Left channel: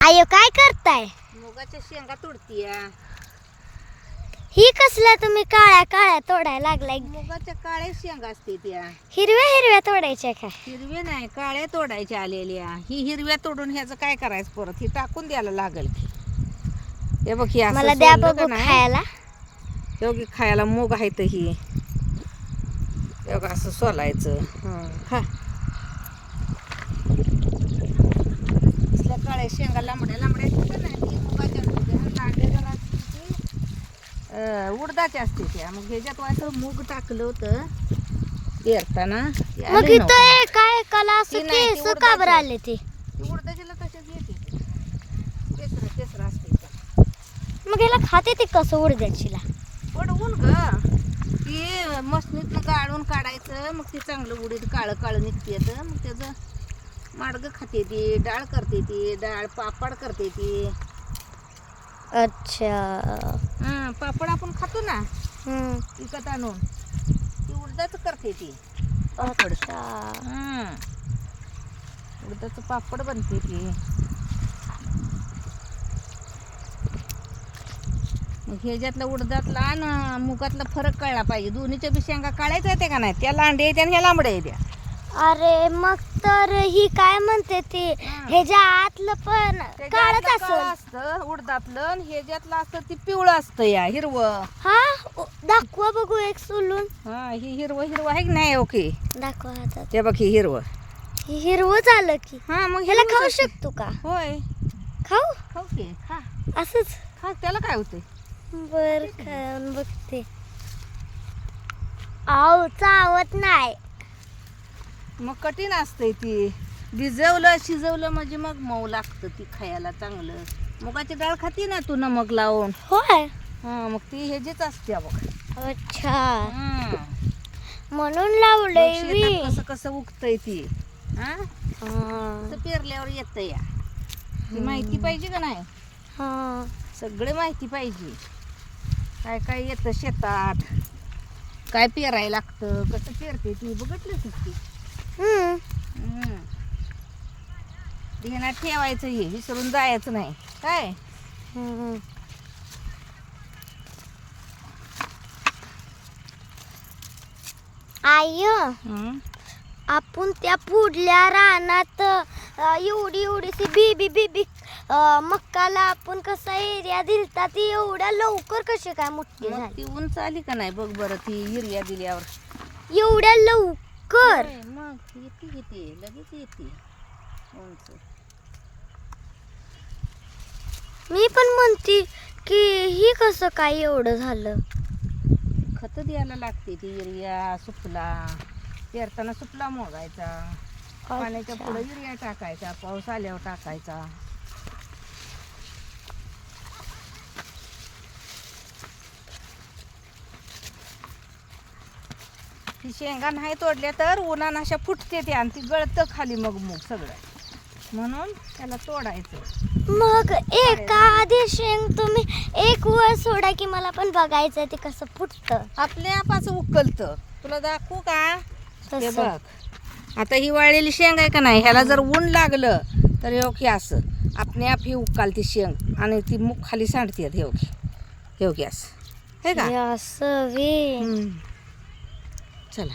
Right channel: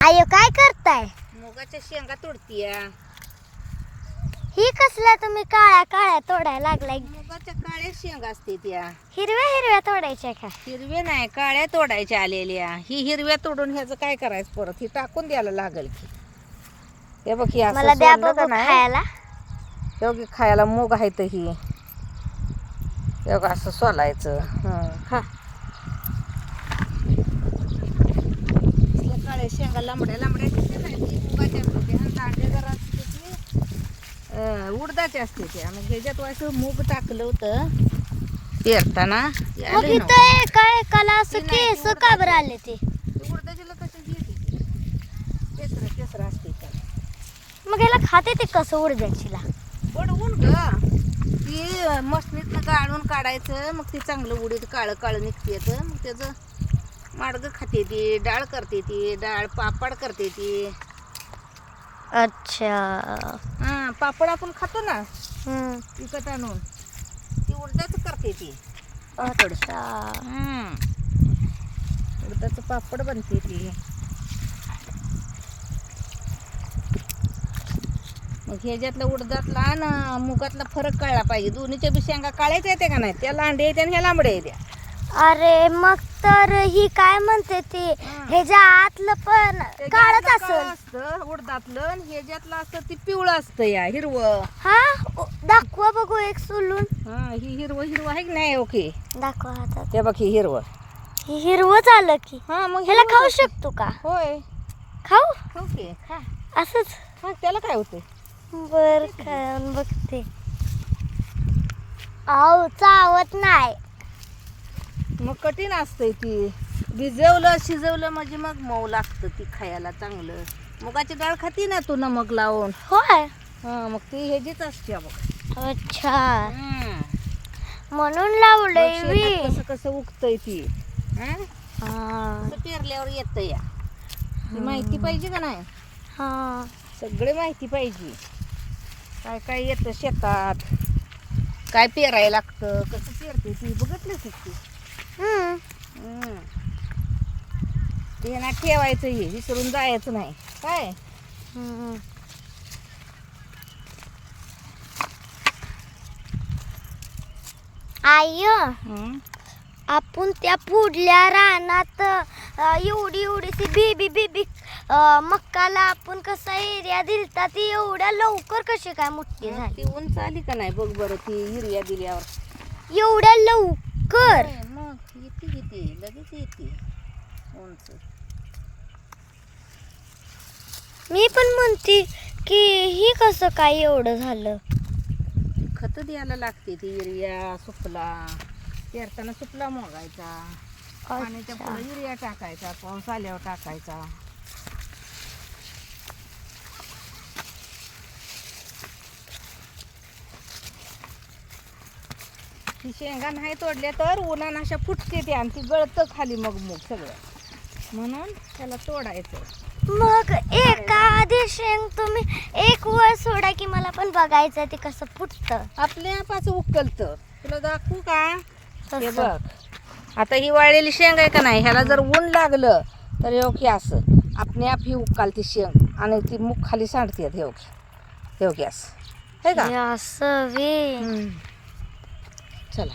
आयो काय करताय? मुगाच्या शेंगा तोडतीया. ही कसल्या तुम्ही काळ्या काळ्या तोडायला लागलाय? मुगाच्या काळ्या शेंगा असते त्या. हिरव्या हिरव्या तोडायच्या का? हिरवे नाही काळ्या तोडायच्या आलेल्या. ही हिरव्या तोडून ह्याचं काय करायचं परत? ही टाकून द्यायला लागल की. हे बघ ही असं मला द्या का बघू नाही? खायला. हे बघ खायला मूग आहे तर ही. हे बघ असं सोलायचं. हं, खा असल्या काळ्या शेंगा लांबड्या लांबड्या ती मुगाच्या असते ती, मग ह्याच्यात व्हायचं मूग टाकलं होतं. पेरताना मग इथं. काय कला असं केस का बरं उडदाची. आले ते? ती उडदाचीला तशाच येते. तेसरं तेसरं असते. मग याला खाते ते कसं उडद्याचीला बडवून ग. ती मशनीतलं गाळून काढायचं मग ती चांगलं उडीद काळं काळं निघते मग त्याचं माडगं खाते ती डाळ करते ती डाळ पापड करते ती. अच्छा. हां पापड आपण खातो ना हम्म. विकत आणून ती उडदाचं करते ती. पापड अच्छा उडदाचं पापड बनते ती. मग ह्याच्यातलं उडदातला आणि मुगातला फरक कळला पाहिजे. दोन्हीच्या बी शेंगा काळ्याच येते का नाही? त्या लांडे येते आणि ह्या लांबड्या येते अरे मग तर ही काय म्हणते ती? ह्याच्या आतलं पण काळच असेल. असतं? उडदातलं आणि ह्याच्यातलं असतं ती पिवळं असतं या हिरवं. हा? ओ, दाखवा बघू एक सोलून. हा ही हिरवं हिरवं आहे की नाही ओके? दाखवा हातात ते बघ ही हिरवं. हे हिरवंच आलं की. हा मग ह्याला हिरवंच खाऊ असतं. शकतो का? होय. खाऊ? ओके हा. असंच? हा त्याला काय होतंय? बर खाऊन बघते. आव चावत नाही. मग कठीण असतंय ती. भिजवलं शिजवलं म्हणजे मग मऊ लागतं ती खायला चांगलं. मुगाची डाळ खाती ना तू नमक लावून? होय. हा मग ती ह्याचीच असते बघ. अच्छा. हा. म्हणून बघ लावलंय शेतात कसं कसं उगतंय ती. हा? हा. पेरल्यावर येतं या. ती माहिती पाहिजे का नाही? हा. सगळे माहिती पाहिजे. काय काय येतं शेतात? काय पेरायला लागतं? कसं पेरते ती? बघितलं. ते? ना ठेवायचं हे विसरून जायचं नाही. काय? हम्म. आय आपण त्या पुढल्या रानात एवढी एवढीशी बेबी बेबी मक्काला आपण कसा एरिया दिलता ती एवढ्या लवकर कशी काय मोठी झाली? ती उंच आली का नाही? बघ बरं ती युरिया दिल्यावर. एवढ्या लवकर? मग येते येते. लगेच येते. उंच मी पण म्हणते की ही कसं काय एवढं झालं? खत द्यायला लागते ती युरिया सुकला. पेरताना सुकला मोगायचा पाण्याच्या पुढे युरिया टाकायचा पाऊस आल्यावर टाकायचा. ती शेंगा नाही तोडल्या तर उन्हानं अशा फुटते ती आणि ती गळतं खाली मग मग सगळं. म्हणून त्याला तोडायचं. मग एका आधी शेंग तुम्ही एक वर सोडा की मला पण बघायचं ते कसं फुटतं. आपल्या पाच उकलत. तुला दाखवू का? हे तसं. बघ. आता ही वाळलेली शेंग आहे का नाही? ह्याला जर ऊन लागलं तर हे की असं. आपणे आप ही उकालती शेंग. आणि ती मुख खाली सांडते हे ओके. हे ओके असं. हे का? हे असं वे. हम्म. चला.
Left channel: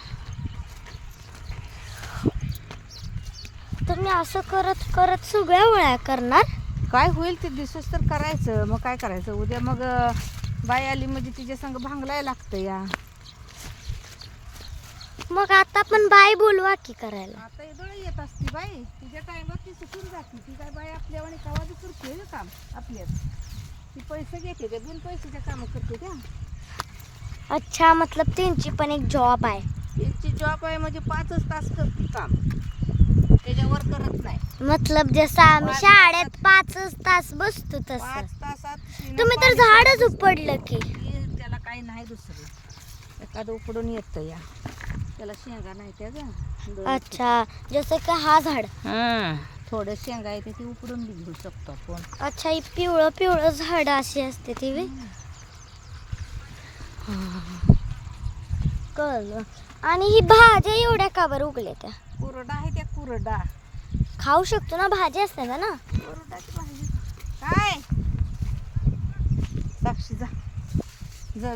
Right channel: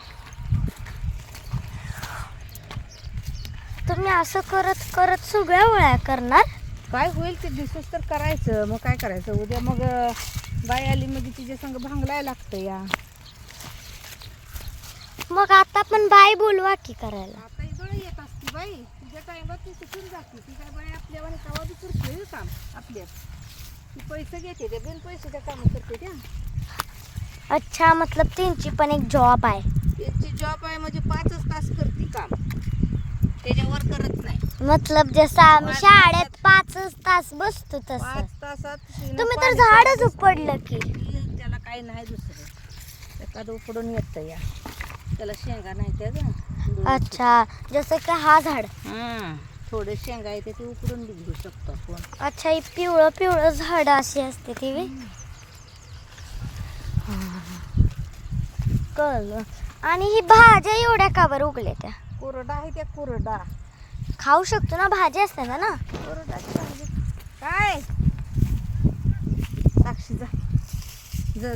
तुम्ही असं करत करत सगळ्या वळ्या करणार? काय होईल ते दिवस तर करायचं. मग काय करायचं? उद्या मग बाई आली म्हणजे तिच्या संग भांगलाय लागतं या. मग आता पण बाय बोलवा की करायला. आता येत असती बाई. टाइमात ती सुटून जाते. ती काय बाई आपल्या आणि कवा बी करते काम आपल्याच ती पैसे घेते ते बिन पैशाच्या काम करते त्या. अच्छा मतलब त्यांची पण एक जॉब आहे. त्यांची जॉब आहे म्हणजे पाचच तास करते काम. त्याच्यावर करत नाही. मतलब जसं आम्ही पाच शाळेत पाचच तास बसतो तसं. पाच तासात तिने तुम्ही तर पाणी झाडच. उपडलं की. त्याला काही नाही दुसरं. एखादं उकडून येतं या. त्याला शेंगा नाही त्या ग. अच्छा जसं की हा झाड. हां थोडं शेंगा येते ते उकडून घेऊ शकतो आपण. अच्छा ही पिवळं पिवळं झाड अशी असते ती कळलं. आणि ही भाज्या एवढ्या का बरं उगल्या त्या? कुरडा आहे त्या कुरडा. खाऊ शकतो ना भाजी असते ना. कुरडा भाजी. काय? साक्षी जा.